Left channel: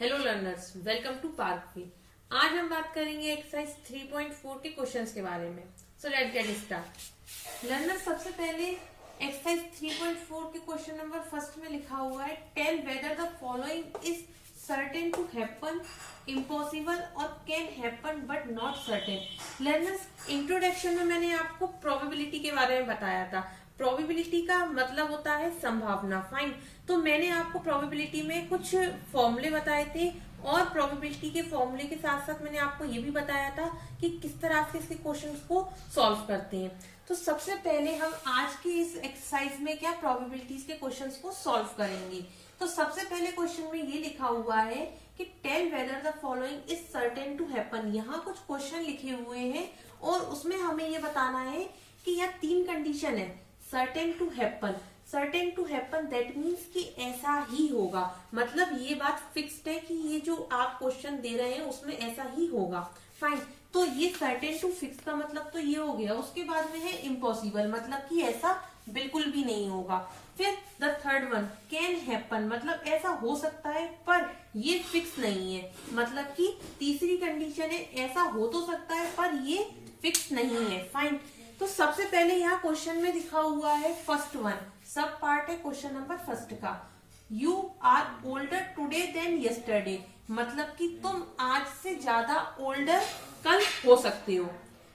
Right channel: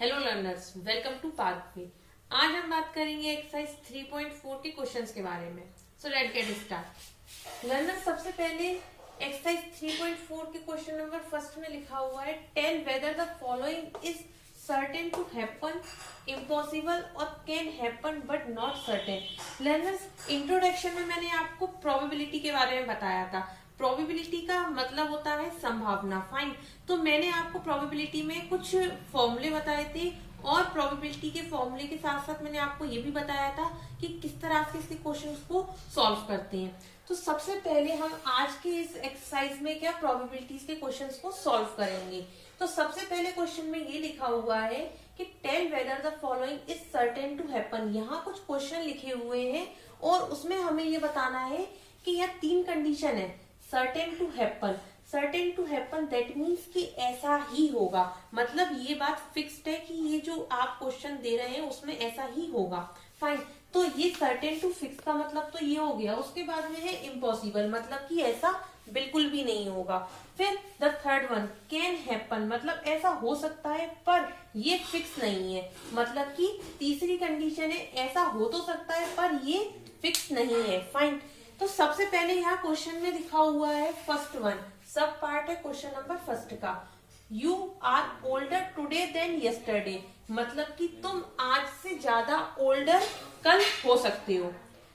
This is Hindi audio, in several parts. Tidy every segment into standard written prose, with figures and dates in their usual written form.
Hello learners, welcome to Pathway. आज हम बात करेंगे एक्सरसाइज 3.4 के क्वेश्चंस के बारे में। So let's get start. Learners, सबसे पहले एक्सरसाइज 3.4 के क्वेश्चन नंबर फर्स्ट में लिखा हुआ है, tell whether the following is certain to happen, impossible और can happen but not certain. Learners, introduction में मैंने आपको प्रोबेबिलिटी के बारे में बताया था। प्रोबेबिलिटी का मतलब होता है संभावना। फाइन, तो मैंने आपको प्रोबेबिलिटी में कुछ फॉर्मूले बताए थे और प्रोबेबिलिटी के फॉर्मूले के साथ साथ मैंने आपको ये भी बताया था कि किस तरह से इसके क्वेश्चंस को सॉल्व करते हैं। तो सबसे पहले हम आज के इस एक्सरसाइज में क्या प्रोबेबिलिटीज के क्वेश्चंस को सॉल्व करेंगे। तो सबसे पहले क्वेश्चन में ये लिखा हुआ है कि tell whether the following is certain to happen. यहाँ कुछ क्वेश्चन लिखे हुए हैं और उसमें हमें ये बताना है कि यह तीन कंडीशन है। Certain to happen, certain to happen that means कि ऐसा ही होगा, मतलब ये बात फिक्स्ड है कि ये जो आप क्वेश्चन दे रहे हैं उसमें ऐसा ही होगा। फाइन, तो ये सर्टेन टू फिक्स का मतलब तो ये हो गया। उसके बाद में है इम्पॉसिबल, मतलब कि ऐसा बिल्कुल भी नहीं होगा। फिर the third one can happen, मतलब ऐसा हो सकता है पर ये फिक्स नहीं है, मतलब कि तीसरी कंडीशन है ऐसा हो तो सकता है पर ये फिक्स नहीं है। फाइन, तो सबसे पहले यहाँ क्वेश्चन में लिखा हुआ है फर्स्ट वन, सब पार्ट है क्वेश्चन नंबर फर्स्ट का। You are older today than yesterday, मतलब कि तुम आज से ज्यादा ओल्डर कल हो सकते हो।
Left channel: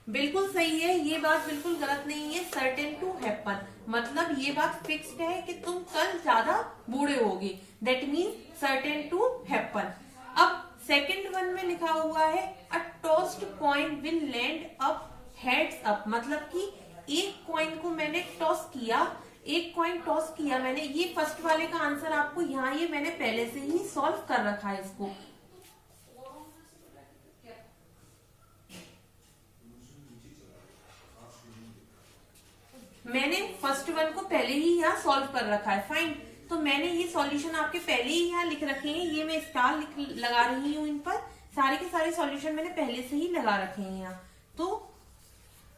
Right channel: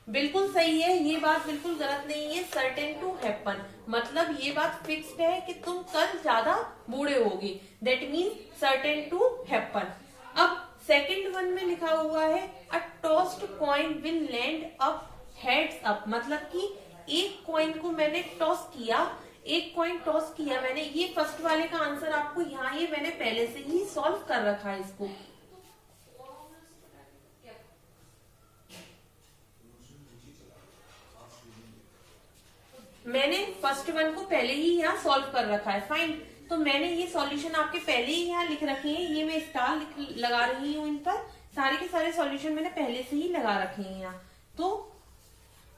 बिल्कुल सही है, ये बात बिल्कुल गलत नहीं है। सर्टेन टू हैपन मतलब ये बात फिक्स्ड है कि तुम कल ज्यादा बूढ़े होगे, that means certain to happen. अब सेकेंड वन में लिखा हुआ है a tossed coin will land up heads up, मतलब कि एक कॉइन को मैंने टॉस किया, एक कॉइन टॉस किया मैंने। ये फर्स्ट वाले का आंसर आपको यहाँ ये मैंने पहले से ही सॉल्व कर रखा है इसको। मैंने फर्स्ट वन को पहले ही यहाँ सॉल्व कर रखा है। फाइन, तो मैंने ये सॉल्यूशन आपके पहले ही यहाँ लिख रखे हैं। ये मैं स्टार लगा रही हूँ इन पर, सारे के सारे सॉल्यूशन मैंने पहले से ही लगा रखे हैं यहाँ। तो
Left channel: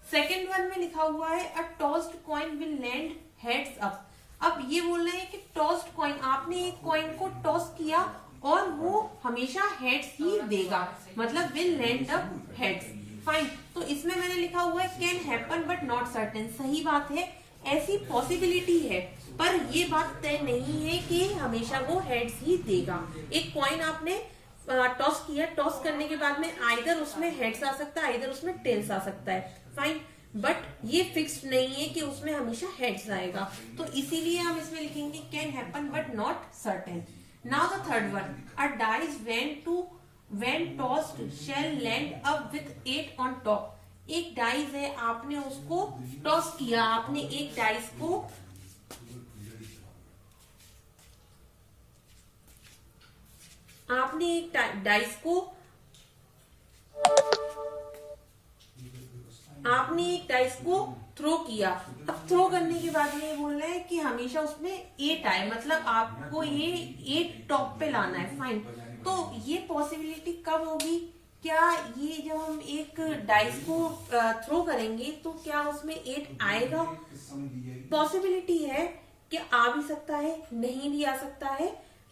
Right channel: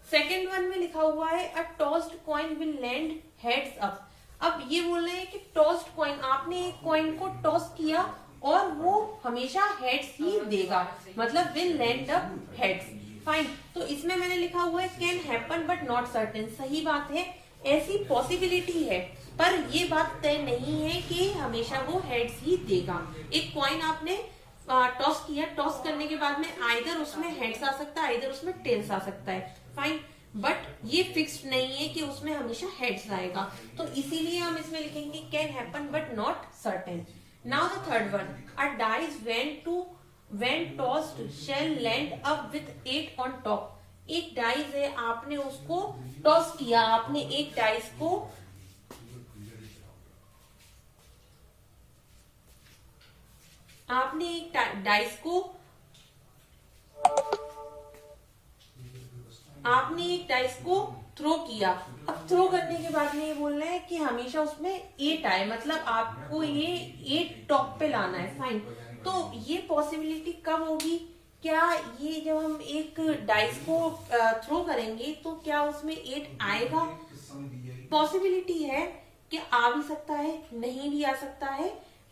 सेकेंड वन में लिखा हुआ है a tossed coin will land heads up. अब ये बोल रहे हैं कि टॉस्ड कॉइन, आपने एक कॉइन को टॉस किया और वो हमेशा हेड्स ही देगा, मतलब will land up heads. Fine, तो इसमें मैंने लिखा हुआ है can happen but not certain. सही बात है, ऐसी पॉसिबिलिटी है पर ये बात तय नहीं है कि हमेशा वो हेड्स ही देगा। एक कॉइन आपने टॉस किया, टॉस करने के बाद में आइदर उसमें हेड्स आ सकता है आइदर उसमें टेल्स आ सकता है। फाइन, बट ये फिक्स्ड नहीं है कि उसमें हमेशा हेड्स आएगा, तो इसीलिए हम इसमें लिखेंगे can happen but not certain. Now the third one, a dice when tossed shall land up with 8 on top. एक डाइस है, आपने उसको टॉस किया, आपने एक डाइस को एक डाइस को थ्रो किया। अब थ्रो करने के बाद में ये बोल रहा है कि हमेशा उसमें 8 आए, मतलब आपको ये 8 टॉप पे लाना है। फाइन, तो ये पॉसिबिलिटी कब होगी? क्या ये जब हम एक डाइस को थ्रो करेंगे तो क्या उसमें 8 आएगा? पॉसिबिलिटी है कि आ भी सकता है, नहीं भी आ सकता है,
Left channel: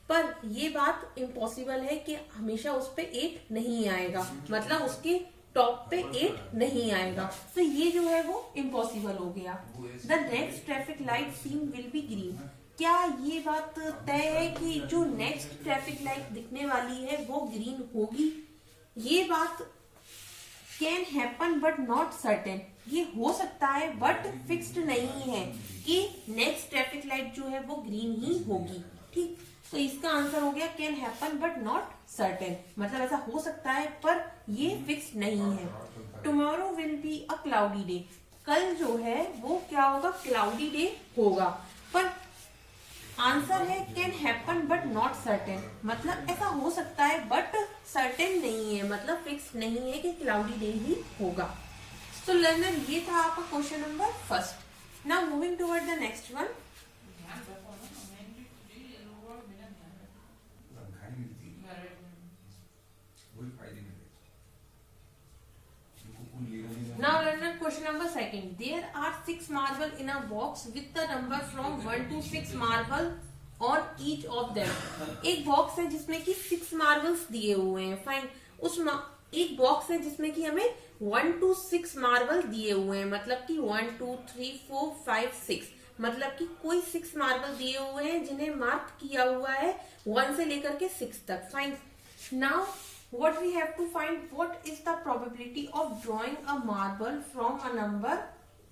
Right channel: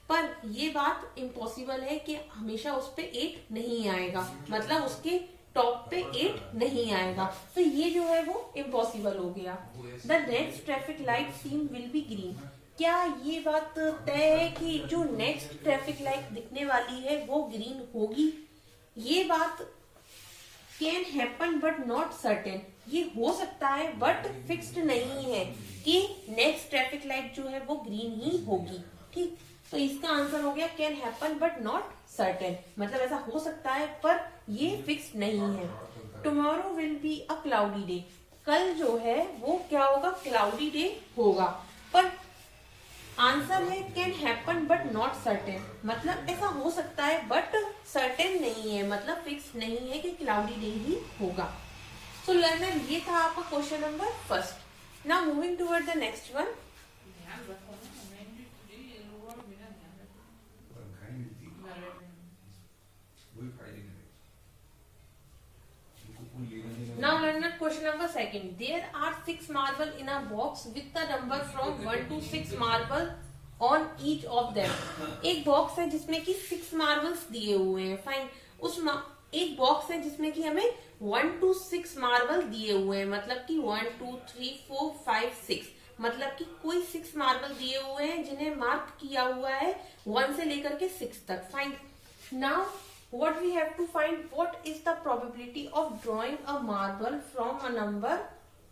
पर ये बात इम्पॉसिबल है कि हमेशा उस पे 8 नहीं आएगा, मतलब उसके टॉप पे 8 नहीं आएगा। तो ये जो है वो इम्पॉसिबल हो गया। The next traffic light seen will be green, क्या ये बात तय है कि जो नेक्स्ट ट्रैफिक लाइट दिखने वाली है वो ग्रीन होगी? ये बात can happen but not certain, ये हो सकता है बट फिक्स्ड नहीं है कि नेक्स्ट ट्रैफिक लाइट जो है वो ग्रीन ही होगी। ठीक, तो इसका आंसर हो गया can happen but not certain, मतलब ऐसा हो सकता है पर ये फिक्स नहीं है। Tomorrow will be a cloudy day, कल जो है वो क्या होगा? क्लाउडी डे होगा, पर आंसर है can happen but not certain, मतलब ऐसा हो सकता है बट सर्टेन नहीं है, मतलब फिक्स नहीं है कि क्लाउडी डे ही होगा। सो लर्नर, ये था आपका question number first. Now moving toward the next one. Now learner, question number second. There are 6 marble in a box with the number from 1 to 6 marble on each of them. एक बॉक्स है जिसमें कि 6 मार्बल्स दिए हुए हैं, फाइन। एक बॉक्स है जिसमें कि हमें 1 to 6 मार्बल दिए हुए हैं, मतलब कि 1 2 3 4 5 6, मतलब कि कोई 6 मार्बल दिए हुए हैं जिन्हें मार्क किया हुआ है 1 से लेकर के 6 तक, fine. Now what we have to find, what is the probability of drawing a marble from a number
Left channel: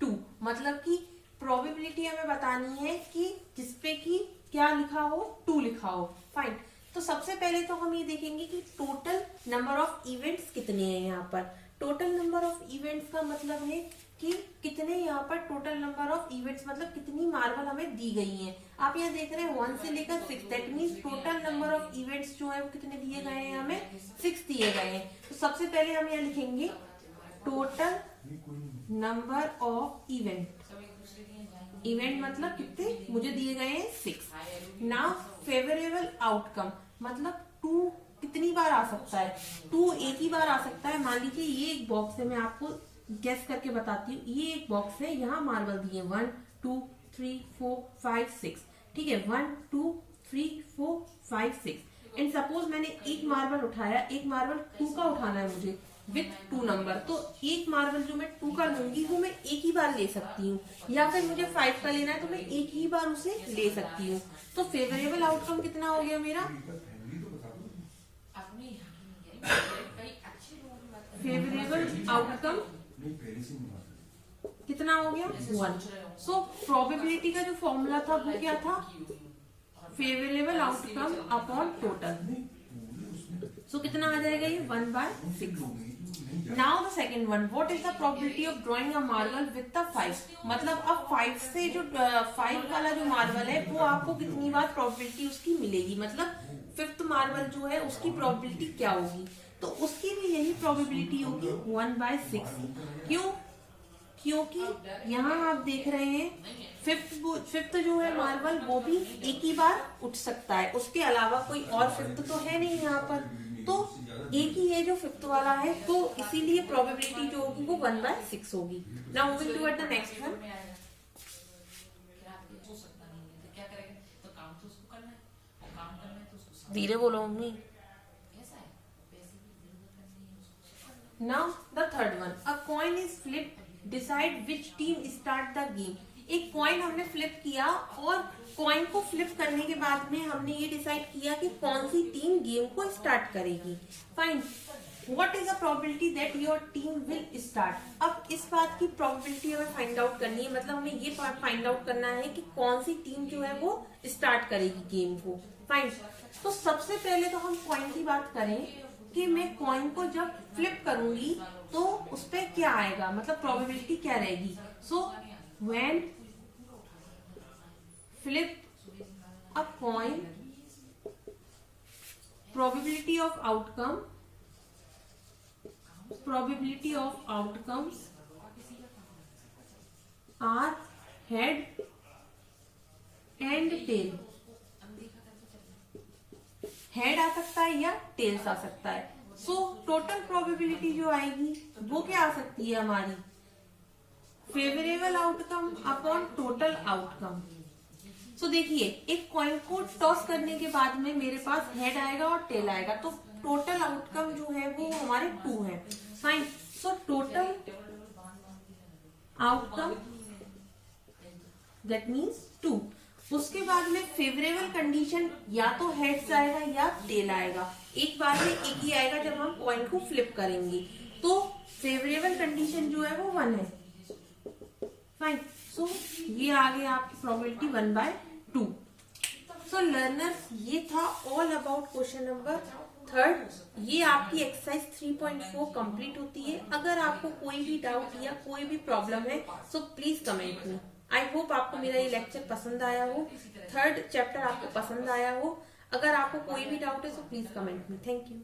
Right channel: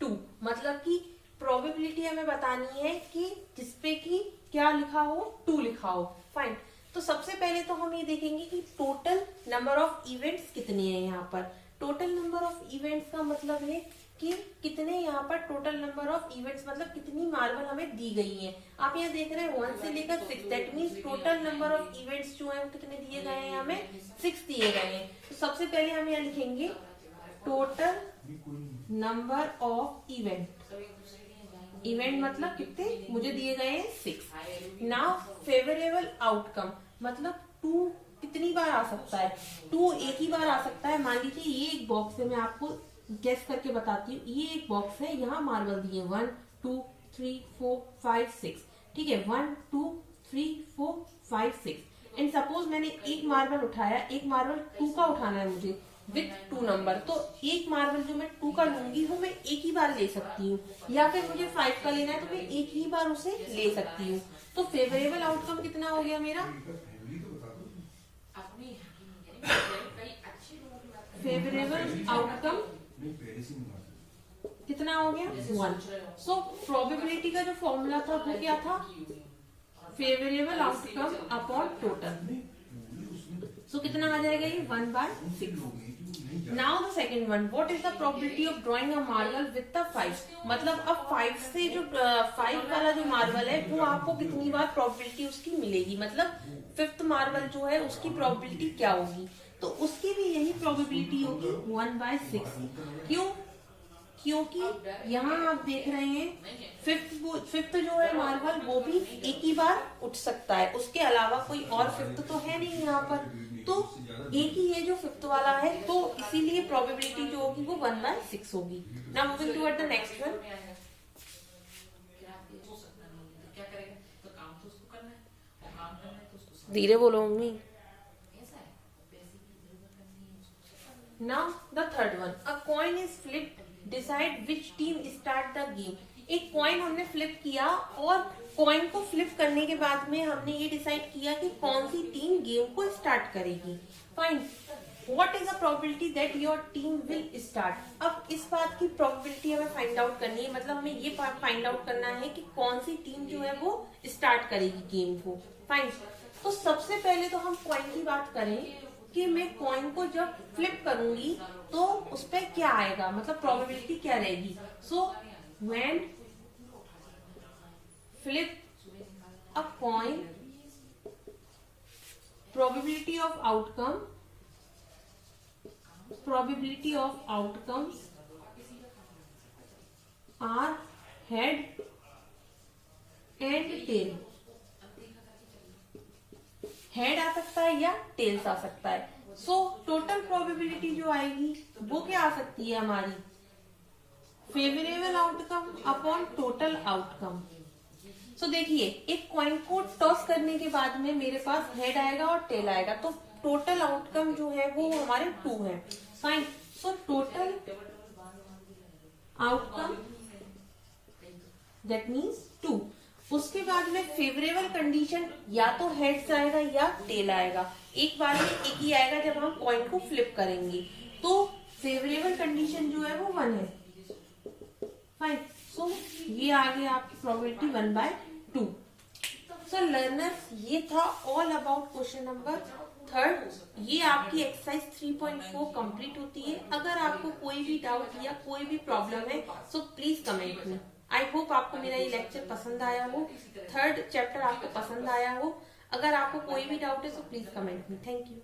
2, मतलब कि प्रोबेबिलिटी हमें बतानी है कि जिसपे कि क्या लिखा हो, 2 लिखा हो, फाइन। तो सबसे पहले तो हम ये देखेंगे कि टोटल नंबर ऑफ इवेंट्स कितने हैं यहाँ पर। टोटल नंबर ऑफ इवेंट्स का मतलब है कि कितने यहाँ पर टोटल नंबर ऑफ इवेंट्स, मतलब कितनी मार्बल हमें दी गई हैं। आप यहाँ देख रहे हैं 1 से लेकर 6, that means total number of events जो है कितने दिए गए हैं, हमें 6 दिए गए हैं। तो सबसे पहले हम यहाँ लिखेंगे टोटल नंबर ऑफ इवेंट मतलब कितने मुझे दिए गए हैं 6। नाउ फेवरेबल आउटकम मतलब 2 कितनी बार आ सकता है, 2 एक ही बार आ सकता है। मान लीजिए ये एक बॉक्स है, मैं आपको गेस करके बताती हूँ, ये एक बॉक्स है, यहाँ मार्बल दिए 1 2 3 4 5 6, ठीक है, 1 2 3 4 5 6। एंड सपोज मैंने एक मार्बल उठाया, एक मार्बल 2 का उठाना है मुझे विथ 2 नंबर, तो एक मार्बल जो मैं 2 का लूंगी वो मैं एक ही बार ले सकती हूँ, या फिर मुझे 5 का लेना है तो मैं एक ही बार उसे ले सकती हूँ। तो फेवरेबल आउटकम कितना हो गया मेरा, फेवरेबल आउटकम कितना हो गया 1। सो प्रोबेबिलिटी का जो फॉर्मूला था वो क्या था, फेवरेबल आउटकम अपॉन टोटल। सो कितना आ जाएगा ये 1/6। Now the second one, what is the probability of drawing a marble with the 5, मतलब अब 5 से जो 5 वाला जो मार्बल है वो आपको कितनी बार प्रोबेबिलिटी उसकी मिलेगी, मतलब 5th मार्बल जो है उसकी प्रोबेबिलिटी क्या होगी, तो उसकी भी यही प्रोबेबिलिटी होगी 1/6। क्यों, क्योंकि यहाँ आप देख रहे हैं 5th जो है मार्बल वो भी एक ही बार उठ सकता है, उसके अलावा कोई और 5th तो है नहीं यहाँ पर, तो एक ही है जो 5th वाला है, तो इसीलिए प्रोबेबिलिटी जो होगी वो 1/6 होगी। Now moving toward the next one, धीरे बोलो mummy. Now the third one, a coin is flipped, decide which team start the game। एक कॉइन हमने फ्लिप किया और कॉइन को फ्लिप करने के बाद में हमने ये डिसाइड किया कि कौन सी टीम गेम को स्टार्ट करेगी, fine. What is the probability that your team will start. अब इस बात की प्रोबेबिलिटी हमें फाइंड आउट करनी है, मतलब हमें ये फाइंड आउट करना है कि कौन सी टीम जो है वो स्टार्ट करेगी गेम को, फाइन। तो सबसे पहले तो हम कॉइन की बात करें कि मैं कॉइन को जब फ्लिप करूंगी तो उस पर क्या आएगा, मतलब प्रोबेबिलिटी क्या रहेगी। So when flip a coin, probability of outcomes are head and tail. Head आ सकता है या टेल्स आ सकता है। सो टोटल प्रोबेबिलिटी जो आएगी वो क्या आ सकती है हमारी, favourable outcome upon total outcome. So देखिए एक कॉइन को टॉस करने के बाद में मेरे पास हेड आएगा और टेल आएगा, तो टोटल आउटकम जो है वो हमारे 2 है, fine. So total outcome that means 2। उसके बाद में फेवरेबल कंडीशन या तो हेड से आएगा या टेल आएगा, एक बार में एक ही आएगा जब हम कॉइन को फ्लिप करेंगे, तो फेवरेबल कंडीशन जो है वो 1 है, फाइन। सो ये आ गया आपकी प्रोबेबिलिटी 1/2। सो लर्नर्स ये था ऑल अबाउट क्वेश्चन नंबर 3। ये आपकी एक्सरसाइज 3.4 कंप्लीट होती है। अगर आपको कोई भी डाउट या कोई भी प्रॉब्लम है सो प्लीज कमेंट में। आई होप आपको मेरा ये लेक्चर पसंद आया हो, 3rd चैप्टर आपको पसंद आया हो। अगर आपको कोई भी डाउट है तो प्लीज कमेंट में। Thank you.